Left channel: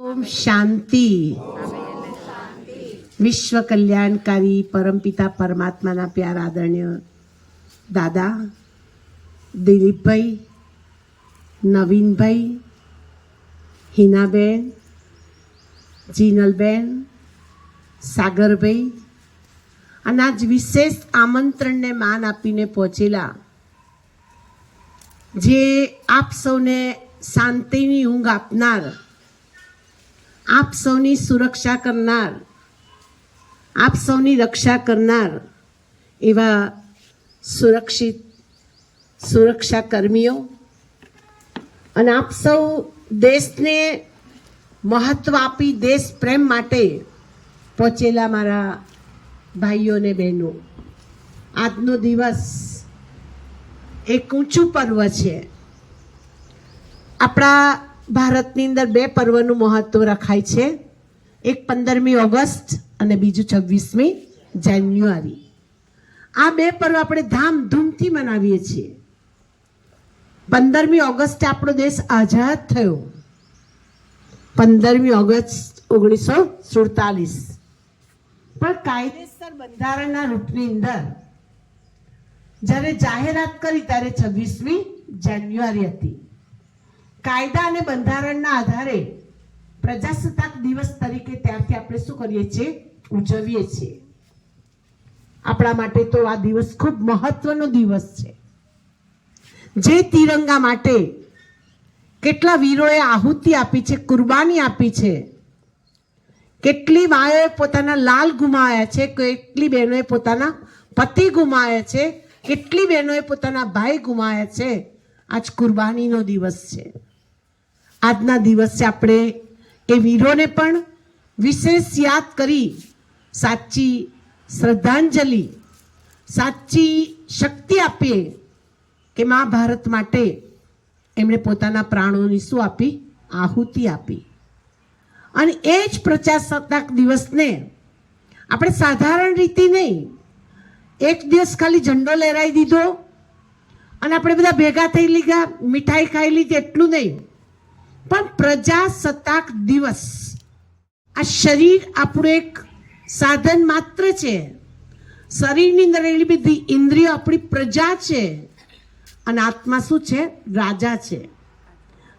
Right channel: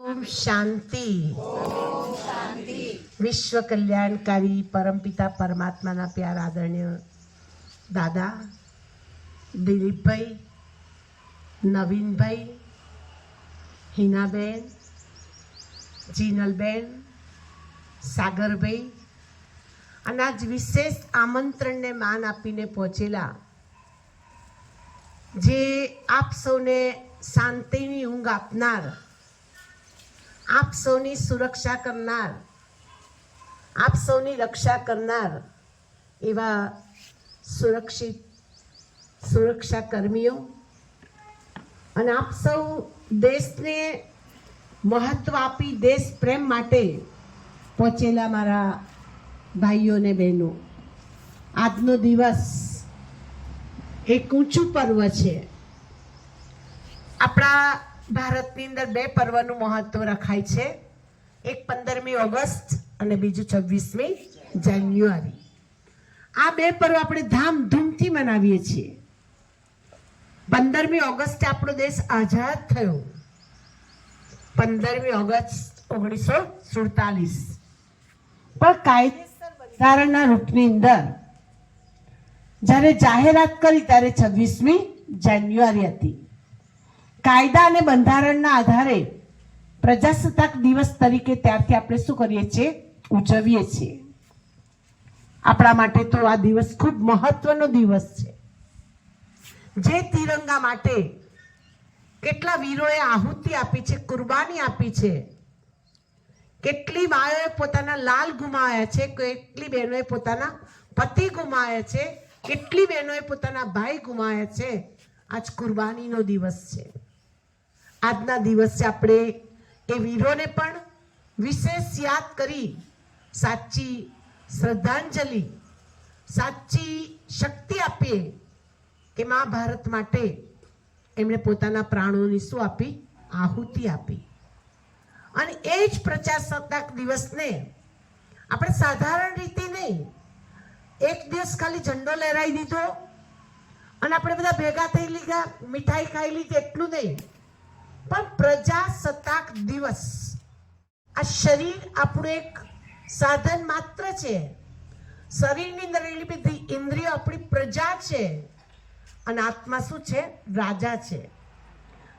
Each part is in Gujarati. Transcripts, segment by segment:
ઓમ શાંતિ વિશ્વ કલ્યાણકારી પરમપિતા પરમાત્માના પ્યાર આદરણીય દાદા દિલીપભાઈ નવીનભાઈ હિનાબેન જીનલબેન સાગરભાઈ અને આજ વિશેષ આમંત્રણને માન આપીને પહોંચેલા જે આપ સૌને શાંતિની ઊંઘ આપનાર આપ સૌની સુરક્ષા કરનાર, આપ સૌની રક્ષા કરનાર એવા સુરક્ષિત સુરક્ષા કર્મીઓ અને આપ સૌ દેશને મહત્વ આપી દેશ પ્રેમ માટે પહોંચેલા મારા ભાઈઓ ને બહેનો, આજનો દિવસ એક ઊંચું પર્વ છે. આપણા ભારતની અંદર બે પર્વનું મહત્વ રખાય છે. એક પંદરમી ઓગસ્ટ અને બીજું છવ્વીસમી જાન્યુઆરી. આ બે પર્વ આપણે ધામધૂમથી મનાવીએ છીએ. પંદરમી ઓગસ્ટે આપણો દેશ આઝાદ થયો. પંદરમી ઓગસ્ટ ઓગણીસો સુડતાલીસ. પણ કાયદેસર બંધારણના રૂપની અંદર, જ્યારે જાહેરાત કરી ત્યારે છવ્વીસમી જાન્યુઆરી હતી. કાયદા અને બંધારણના આધારે પ્રજાસત્તાક દિવસ તરીકે ત્યારથી આપણે શું કરીએ છીએ? ઉજવીએ છીએ. આપણા માટે તો આ દિવસ ખૂબ મહત્વનો દિવસ છે. જે તિરંગા માટે કેટલા વીરોએ આહુતિ આપી છે, કુરબાની આપી છે, કેટલી માએ પોતાના લાલ ગુમાવ્યા છે, કેટલી બહેનોએ પોતાના પતિ ગુમાવ્યા છે, કેટલી બહેનોએ પોતાના ભાઈ ગુમાવ્યા છે. આજ કુરબાનીનો દિવસ છે. આજના દિવસે આપણે એ વીરોને પણ વિશેષ યાદ કરી સાચી શ્રદ્ધાંજલિ, સાચી શક્તિ આપીએ કે મા ભારત માટે એમણે પોતાના પ્રાણોની શું આપી? આહુતિ આપી. અને એ જ પ્રજાસત્તાક દિવસને આપણે સાધારણ રીતે નહીં, એક દિવસ ખાલી ઝંડો લહેરાવી દીધો અને આપણે બધા ભેગા થઈ લીધા, મીઠાઈ ખાઈ લીધી, એટલું નહીં. પણ પ્રજાસત્તાક દિવસ. આ શરીર આપણું એક સાધન માત્ર છે. શરીરની અંદર રહેલી બધી ઇન્દ્રિયો આપણી પ્રજા છે. અને આત્મા શું છે? રાજા છે.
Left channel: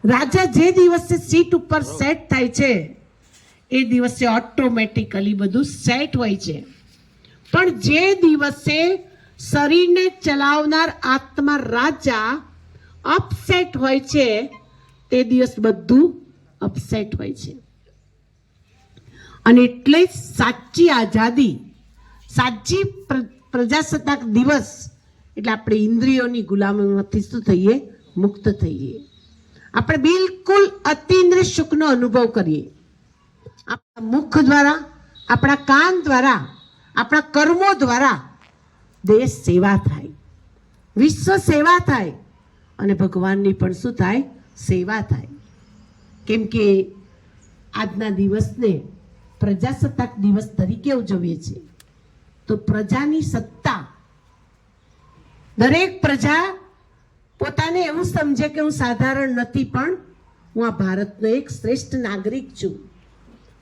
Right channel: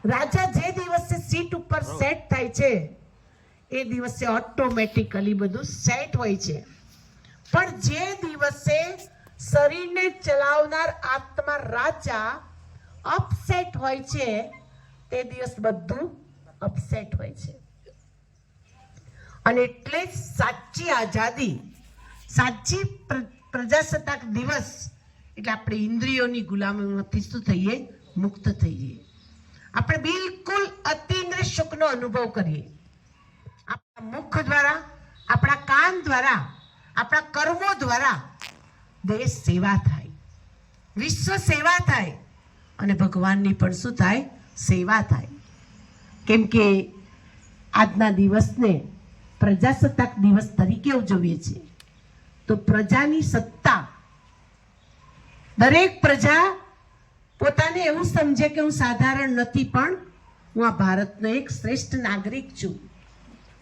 રાજા જે દિવસે સીટ ઉપર સેટ થાય છે એ દિવસે ઓટોમેટિકલી બધું સેટ હોય છે. પણ જે દિવસે શરીરને ચલાવનાર આત્મા રાજા અપસેટ હોય છે તે દિવસ બધું અપસેટ હોય છે. અને એટલે સાચી આઝાદી, સાચી પ્રજાસત્તાક દિવસ એટલે આપણે ઇન્દ્રિયોની ગુલામીમાંથી શું થઈએ? મુક્ત થઈએ. આપણે બિલકુલ અતિન્દ્રિય સુખનો અનુભવ કરીએ. આપણા મુખ દ્વારા, આપણા કાન દ્વારા, આપણા કર્મો દ્વારા દેશ સેવા થાય. વિશ્વ સેવા થાય. અને ભગવાનની પણ શું થાય? સેવા થાય. કેમ કે આજના દિવસને પ્રજાસત્તાક દિવસ તરીકે ઉજવીએ છીએ. તો પ્રજાની સત્તા દરેક પ્રજા પોતાને એવું સમજે કે હું સાધારણ નથી, પણ હું આ ભારતનો એક શ્રેષ્ઠ નાગરિક છું.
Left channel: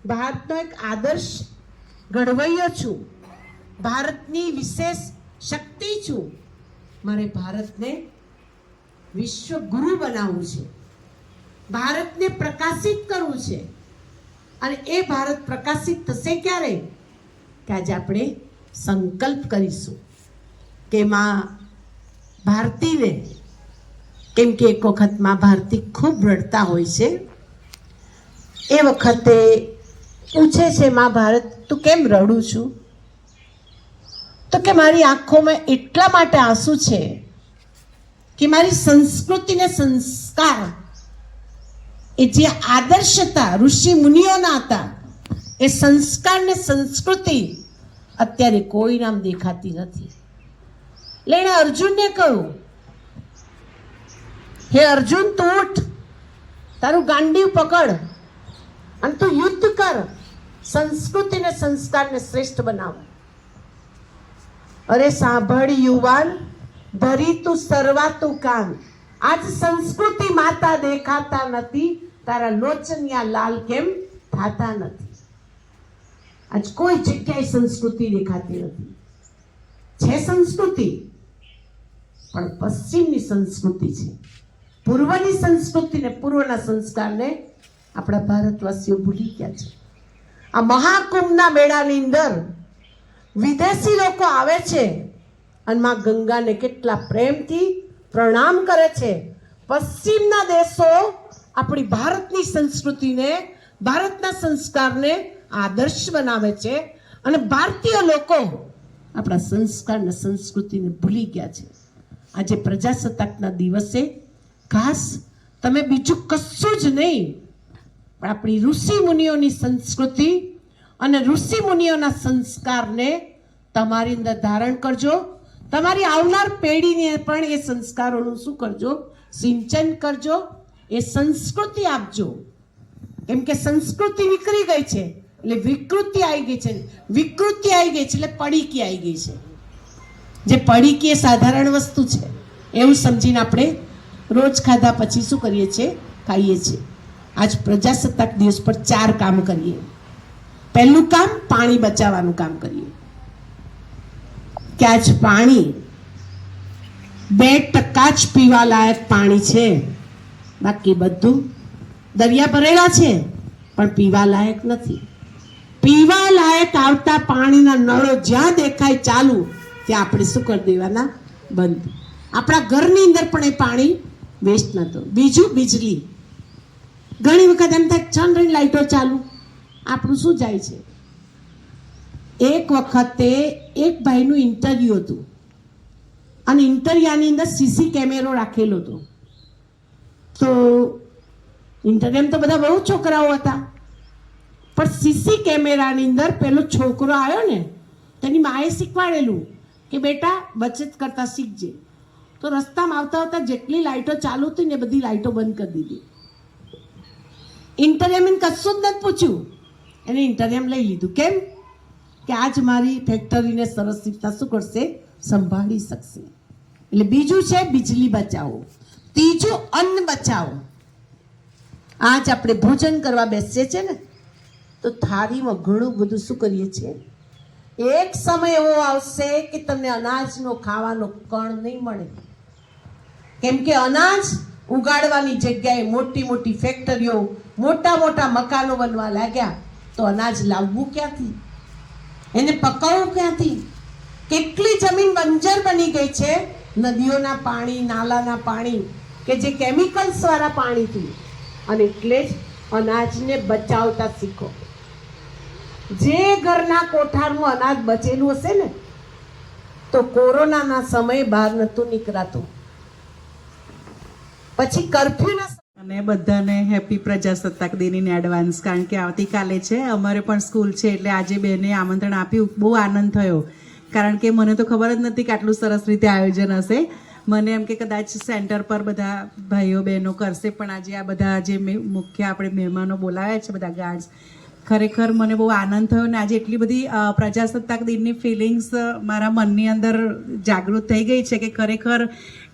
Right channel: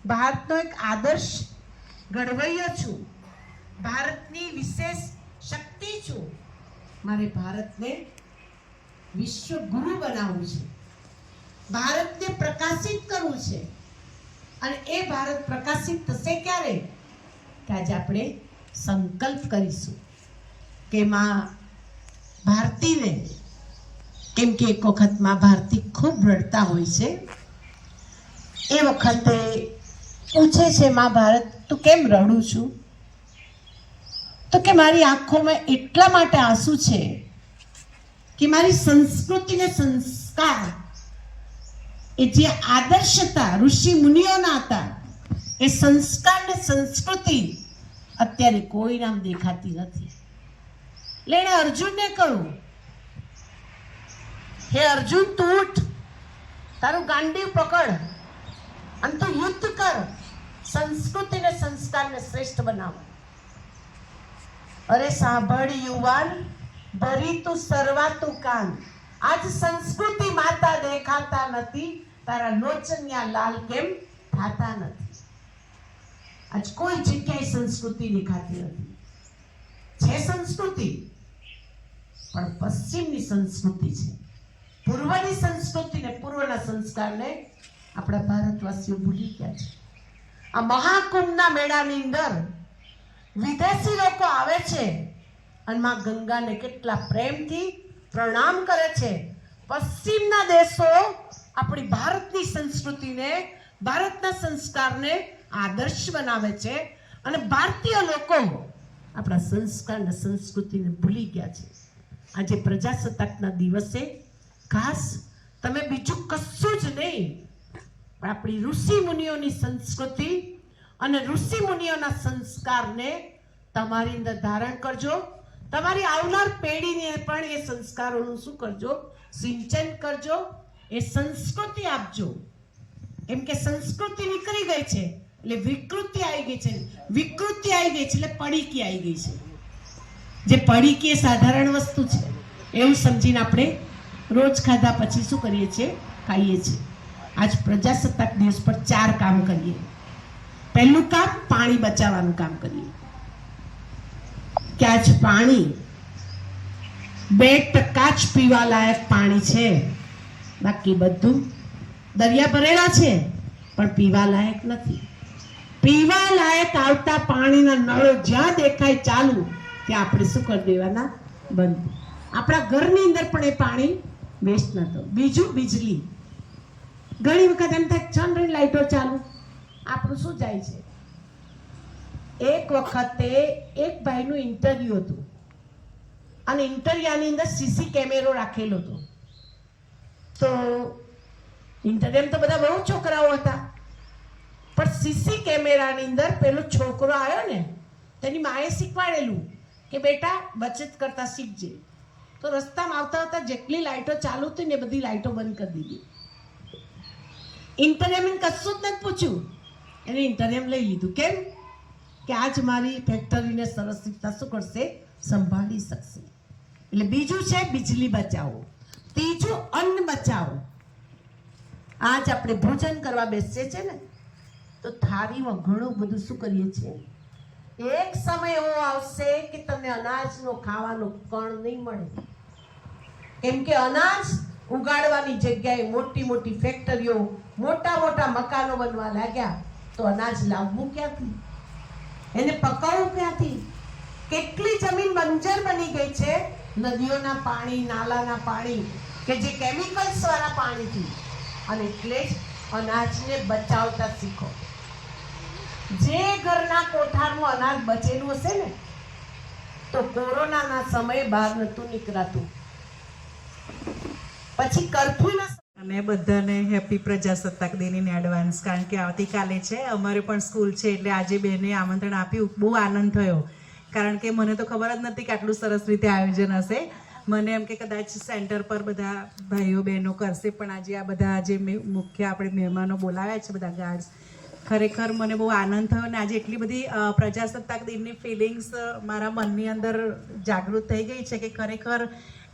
ભારતનો એક આદર્શ ઘડવૈયો છું. ભારતની વિશેષ શક્તિ છું. મારે ભારતને વિશ્વ ગુરુ બનાવવું છે. ભારતને પ્રકાશિત કરવું છે. અને એ ભારત પ્રકાશિત થશે ક્યારે? કે આજે આપણે સંકલ્પ કરીશું કે માં ભારતીને, કેમ કે એક વખતમાં ભારતી ખૂબ રડતા હોય છે, એ વખતે પૂછે છે માં ભારત, તું કેમ રડું છું? તો કે મારી આંખોમાં એટલા માટે આંસુ છે કે મારી સંસ્કૃતિને સંસ્કાર એ જે આદર્શતા ઋષિ મુનિઓના હતા, એ સંસ્કાર ને સંસ્કૃતિ અત્યારે કોઈ નામ દેખાતી નથી. એટલે એણે અર્જુનને કહ્યું હે અર્જુન, તું ઉઠ, તારું ગાંડીવ પકડ અને તું યુદ્ધ કર. સંસ્કૃતિ ને સંસ્કારને શ્રેષ્ઠ બનાવો. અરે સાંભળ યુવાન, ધરી તું સર્વાતું કાન. આજ સંસ્કૃતિ માતા દેખાતા નથી તારા લોચનિયા લાલ કેમ થતા નથી? આજ કોઈ જગ્યાએ સંસ્કૃતિ દેખાતી નથી. છે સંસ્કૃતિ, પણ પશ્ચિમની સંસ્કૃતિ છે. પૂર્વની સંસ્કૃતિને પૂર્વના સંસ્કારને આપણા ભારતવાસીઓ ભૂલી ગયા છે. આ મહાકુંભના મેળાની અંદર વિદેશી લોકો આવે છે અને માં ગંગાને કેટલા પ્રેમથી પ્રણામ કરે છે. પશ્ચિમના દેશો આપણી ભારતની સંસ્કૃતિને, ભારતના સંસ્કારને આદર્શ બનાવે છે અને ભારતીય લોકો આપણા સંસ્કાર અને સંસ્કૃતિને ભૂલી ગયા છે. આજે પ્રજાસત્તાકના દિવસે ખાસ તમે બીજું કશું જ નહીં, પણ આપણી ઋષિ મુનિઓની સંસ્કૃતિ અને ઋષિ મુનિઓના સંસ્કારને તમારી અંદર ધારણ કરજો. તમારી આવનાર પેઢીને પણ એ સંસ્કારોનું શું કરજો? સિંચન કરજો. એ સંસ્કૃતિ આપજો કેમ કે સંસ્કૃતિ વિકરી ગઈ છે, એટલે વિકૃતિ આવી ગઈ છે. વિકૃતિ આવી ગઈ છે, એટલે પડીકી આવી ગઈ છે. જે પડીકી એ સાધારણ વસ્તુ છે. એવું સમજીને આપણે રોજ ખાધા પછી શું કરીએ છીએ? ખાઈએ છીએ. આજ પ્રજાસત્તાક દિવસ પર ચાર કામ કરીએ. પહેલું કામ પાણી બચાવવાનું કામ કરીએ. કે આજ પાણી બે ટકા જ પીવા લાયક પાણી છે. બાકી બધું દરિયા ભરેલા છે, પણ પીવા લાયક નથી. પીવા લાયક આવતા પાણીના નળો જ્યાં દેખાય ચાલુ, ત્યાં આપણે શું કરી દેવાના? બંધ. આપણા ઘરની અંદર પણ એ પાણી વેસ્ટ નતો બીજું વીજળી. ઘણી વખત એમ થાય છન રહી લાઈટો ચાલુ. આપણું શું જાય છે? એક વખતે એક ભાઈનું ઇન્ટરવ્યુ હતું. અને ઇન્ટરવ્યુની અંદર સીસી કેમેરો રાખેલો હતો. તો ઇન્ટરવ્યુ તો બધા બહુ છોકરાઓ હતા. પણ સીસી કેમેરાની અંદર પેલો છોકરો આવ્યો ને, તેની માએ શીખવાડેલું કે બેટા બચત કરતા શીખજે. તો રસ્તામાં આવતા આવતા જેટલી લાઇટો ચાલુ હતી ને બધી લાઈટો બંધ કરી દીધી. ઇન્ટરવ્યુ કશું જ નથી પૂછ્યું. એને ઇન્ટરવ્યુ લઈ લીધું. કેમ? કે આજ મારી ફેક્ટરીને સરસ શીખતા શું કરશે? સંભાળી શકશે. એટલે બીજું છે, બિજલી બચાવો. ત્રીજું અન્ન બચાવો. આજ આપણે ભોજન કરવા બેસીએ છીએ ને, તો થાળીમાં ઘણું બધું શું કરીએ છીએ? એક સમય એવો આવશે કે તમને અનાજનો ખાવાનો કણ નહીં મળે. કેમ કે અનાજ ઉગાડવાની જગ્યાએ મોટી મોટી ફેક્ટરીઓ, મોટા મોટા મકાનો બનવા લાગ્યા, તો અનાજ લાવવું ક્યાંથી? એને પકાવવું ક્યાંથી? કેટલી જમીન બંજર બની ગઈ છે? નદીઓના પાણી, નાલાના પાણી કે જે કેમિકલ્સ વાળા પાણીથી અને એટલે જ અનાજને બચાવતા શીખો. જે ઘરના કોઠાનું અનાજ બચેલું હશે ને, તો કોરોનાના સમયે બહાર નહોતું નીકળાતું. પછી કર્ફ્યુના અને બધાને હેપી પ્રજાસત્તાક દિનની એડવાન્સ, કારણ કે આવતીકાલે છે, અમારે પણ સ્કૂલ છે, એટલે આજે બેને આમંત્રણ આપ્યું. બહુ આનંદ થયો. કારણ કે મને તો ખબર જ નથી કે આટલું સરસ રીતે આયોજન હશે. મને એમ કે કદાચ સેન્ટર પર બધા ભાઈઓ બહેનો કરશે, પણ આજે આ બધા જે મુખ્ય આપણે મહેમાનો બોલાવ્યા છે બધા ગાર્ડ્સ ખરેખર મને બહુ આનંદ થયો અને આજે એટલી બધી પ્રજાસત્તાક દિનની ફિલિંગ્સ મારા મનની અંદર જાગૃત થઈ ગઈ છે કે ખરેખર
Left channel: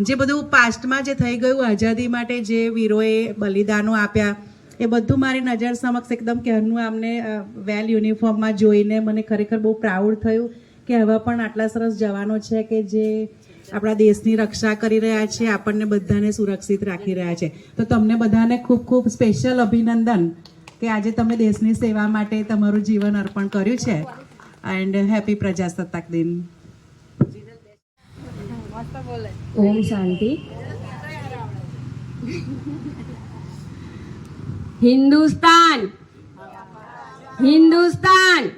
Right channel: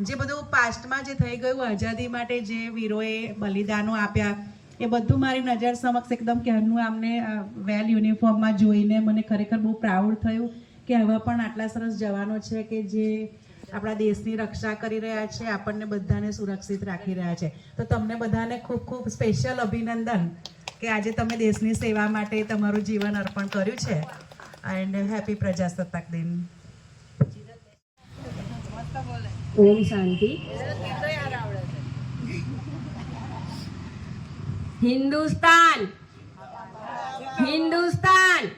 જે બધું પાસ્ટમાં જે થઈ ગયું, આઝાદી માટે જે વીરોએ બલિદાનો આપ્યા, એ બધું મારી નજર સમક્ષ એકદમ ક્યારનું આમને વેલ યુનિફોર્મમાં જોઈને મને ખરેખર બહુ પ્રાઉડ થયું કે હવે પણ આટલા સરસ જવાનો છે કે જે આપણા દેશની રક્ષા કરી રહ્યા છે, આપણને બધાને સુરક્ષિત રાખી રહ્યા છે. તો તમને બધાને ખૂબ ખૂબ સ્પેશિયલ અભિનંદન કે આજે તમે દેશની સેવા માટે તમારું જીવન અર્પણ કર્યું છે. એન્ડ હેપી પ્રજાસત્તાક દિન. ઓમ શાંતિ. હિન્દુસ્તાન. હિન્દુસ્તાન.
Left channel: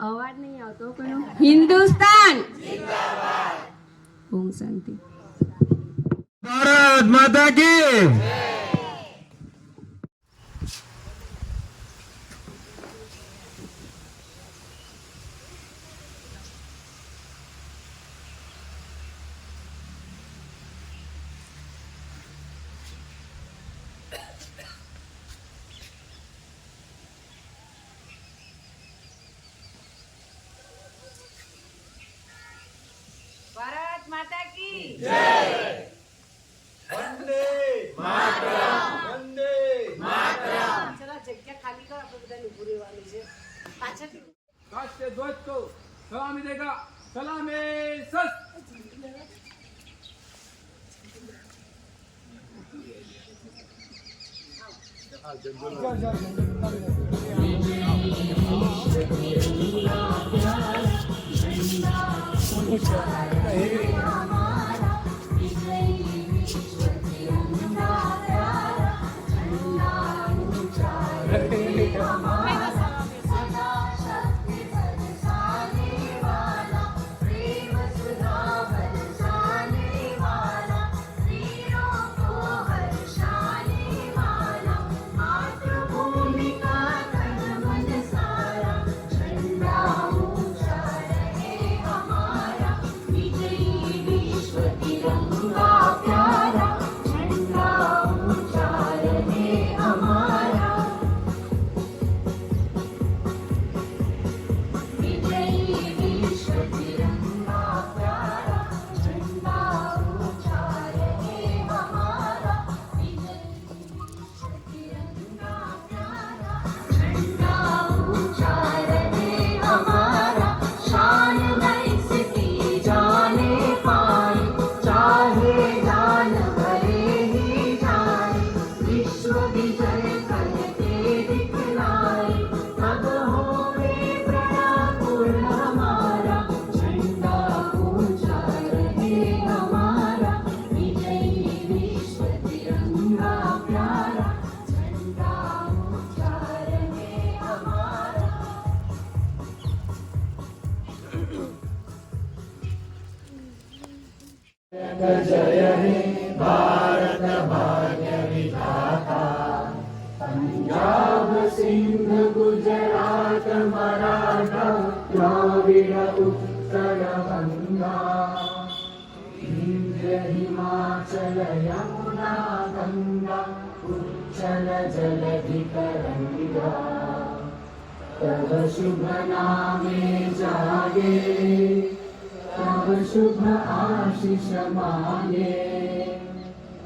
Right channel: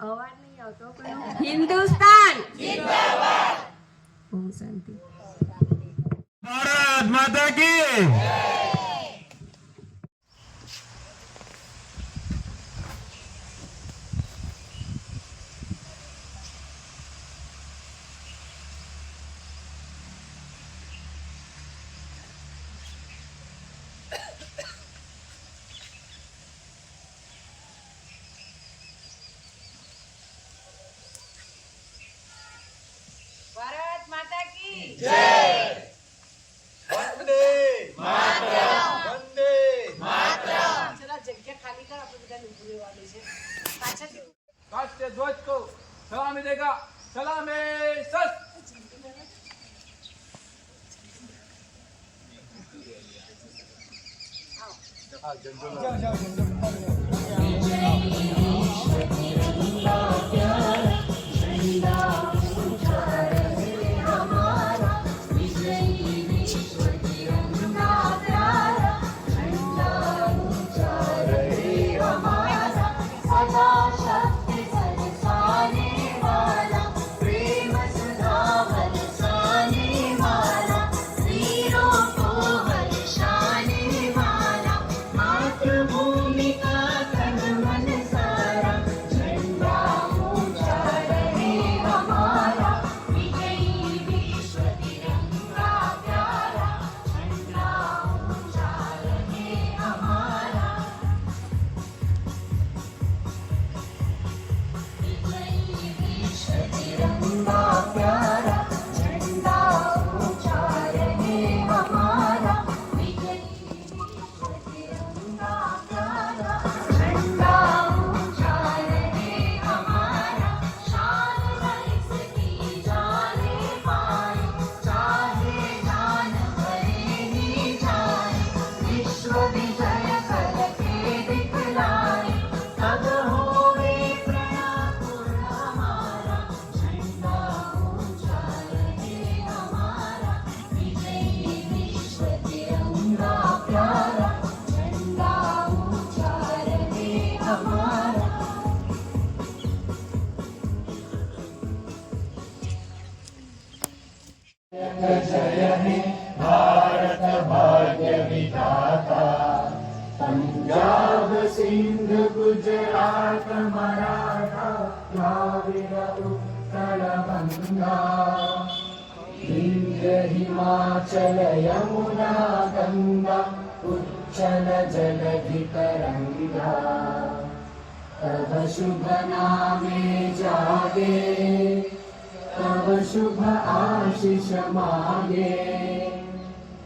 અવાજ? હિન્દુસ્તાન. ઓમ શાંતિ. ભારત માતા કી ખાલી કર આપણે બધાને ઊભું રહેવાનું છે પાછળથી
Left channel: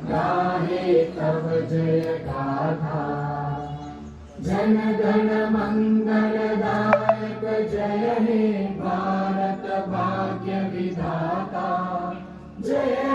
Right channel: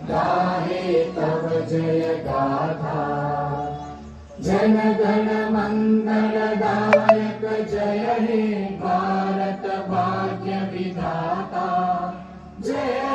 राष्ट्रीय ध्वज को सलामी देगा सलामी सस भारत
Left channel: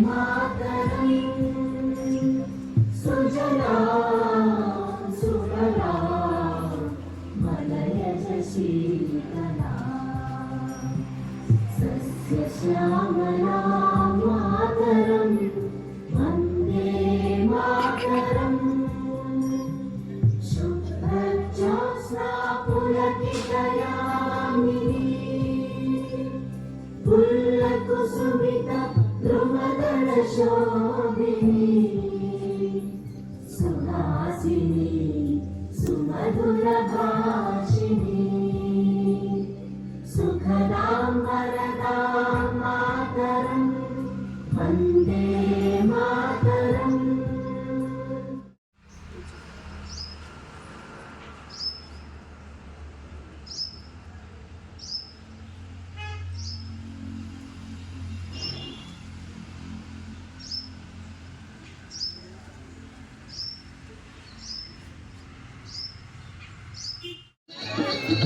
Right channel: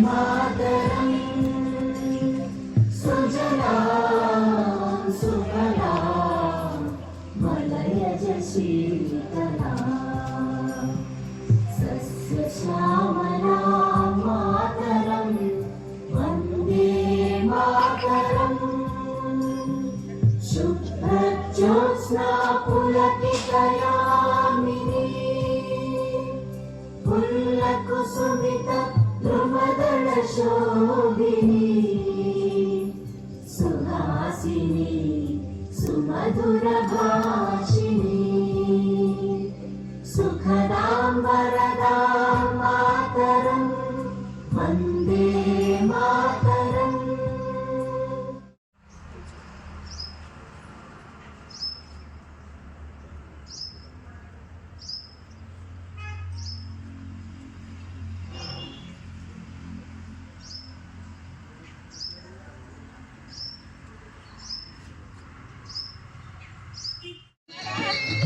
Love. Jesus. ये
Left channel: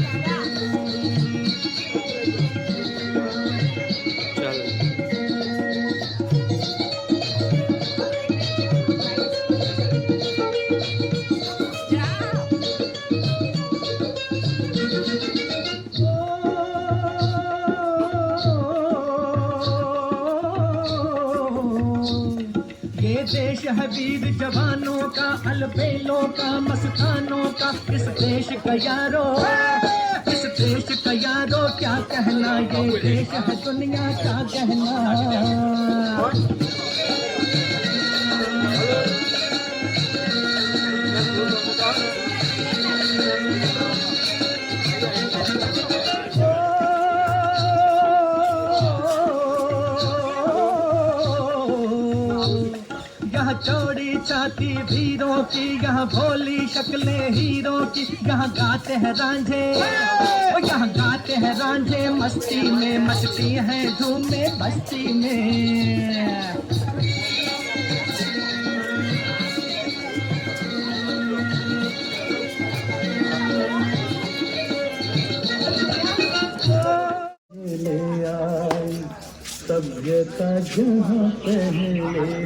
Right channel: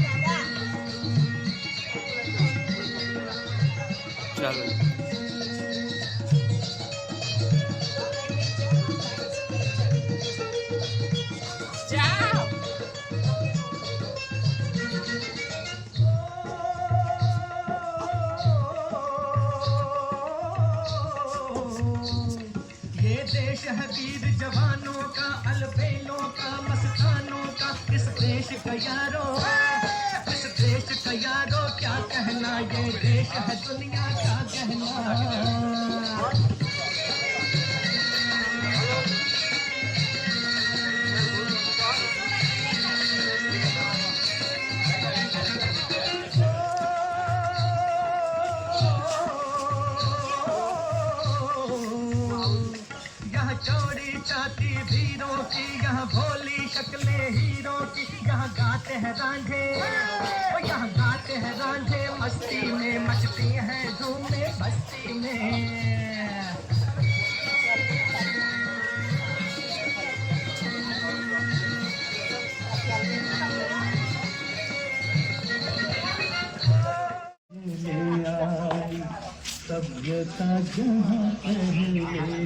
देश है वीर जवानों का अलबेलों का मस्तानों यहाँ गाते हैं रांझे। यहाँ गाते हैं रांझे। मस्ती में मस्ती है बस्ती में। ले आई सभ्यता जहाँ पहले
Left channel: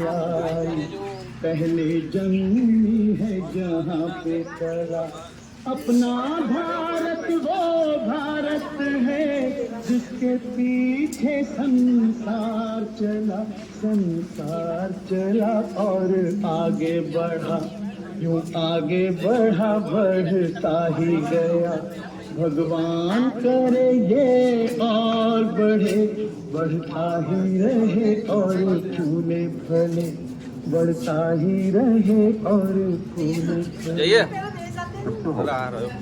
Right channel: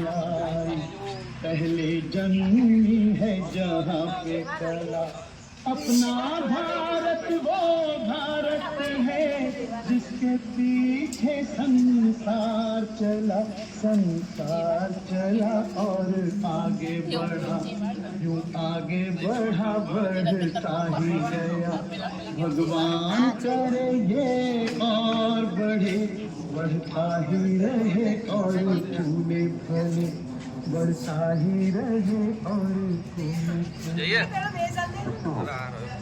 आई पहले जन्मी है जहाँ पे कला। अपना भारत, वो भारत है जिसके पीछे संसार चला। संसार चला और आगे बढ़ा। यूँ आगे बढ़ा, बढ़ता ही गया। भगवान करे ये और बढ़े। बढ़ता ही रहे और વરસા હી રહે પર ફૂલ જઈએ. પેલો બે સાથે.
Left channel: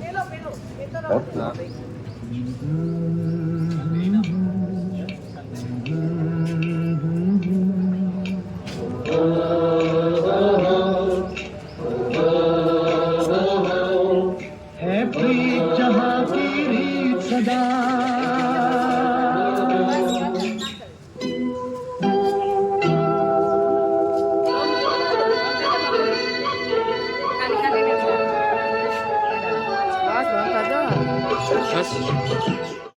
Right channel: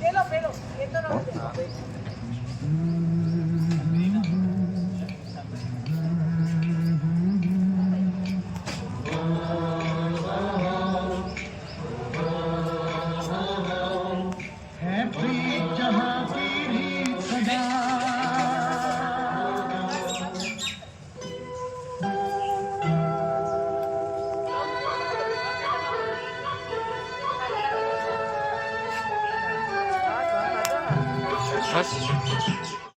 પેલો પેલો એ તો રહો.